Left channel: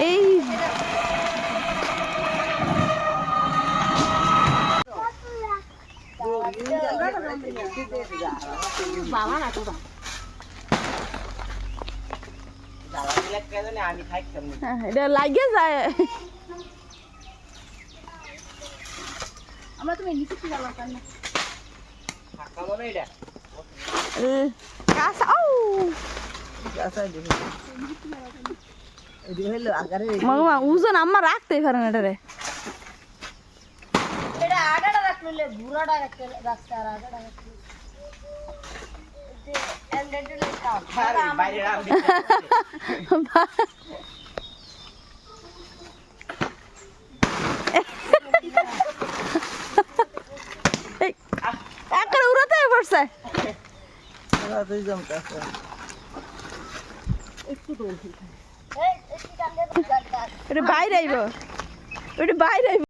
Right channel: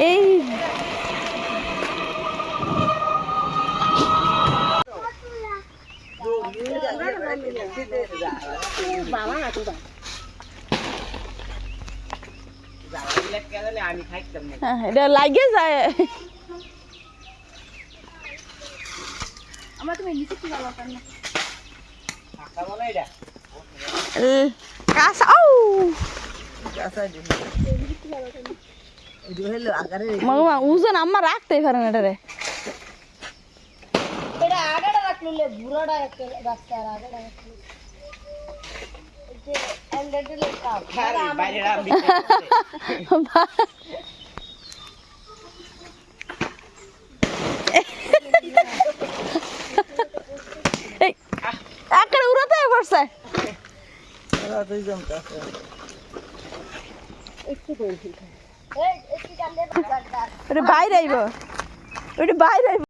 এই বাবা না তো এটা লাগে যায় আমরা তুমি নিচে কি গেল কেন ফাঁকা বলে এটা কাঁচা ও গাছা দিবি এই হলো আকারে মা ওজন আম্মা রাখতে পারে না এটারে এটা আগাটা রাখলে বুড়াটা রাখতে আর আগাটা রাখলে যে এন্ডেডে লেখাও বাইরে রাম একের উড়াতে পড়ছে এরা দুই জমটা আছে একটু করে ফেলতে এই একটু কান্দে এটা বাইরে আইব এটা বাইরে আইব